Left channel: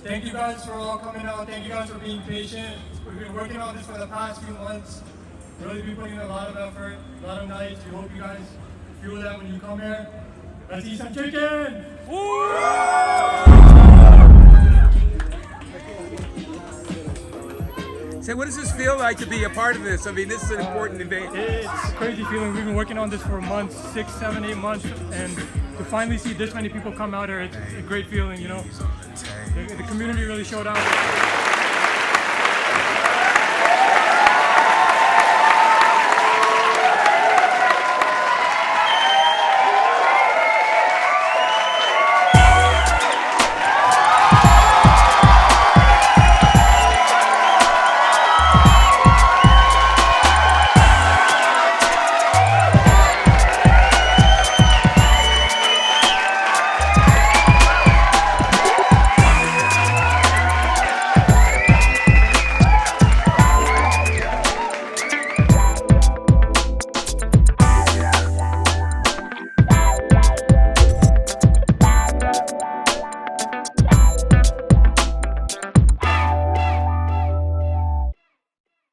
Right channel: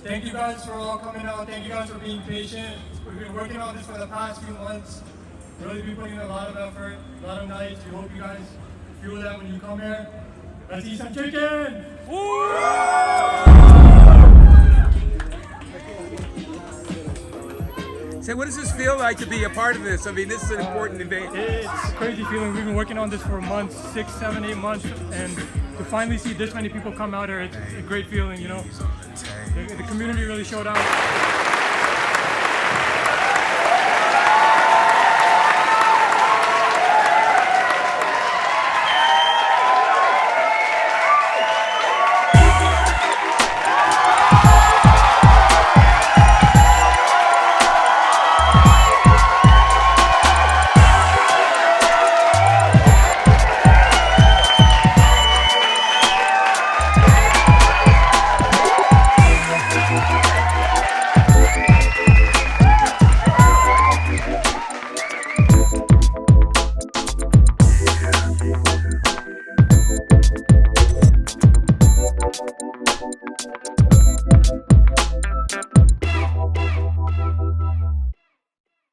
Thank you guys for all coming out. Thank you guys for being patient. We've been working on this for the past few months. Really been putting in a lot of effort, a lot of nights. We hope you guys feel that when you come here. Let's eat some chicken! So what does this feel like to be a part of this? I mean, this is an important event. It's a crazy feeling. We've been working on this for months, 6, 7, 8 months, and to finally see this many people come out here, it's a great feeling, you know. The community really showed out.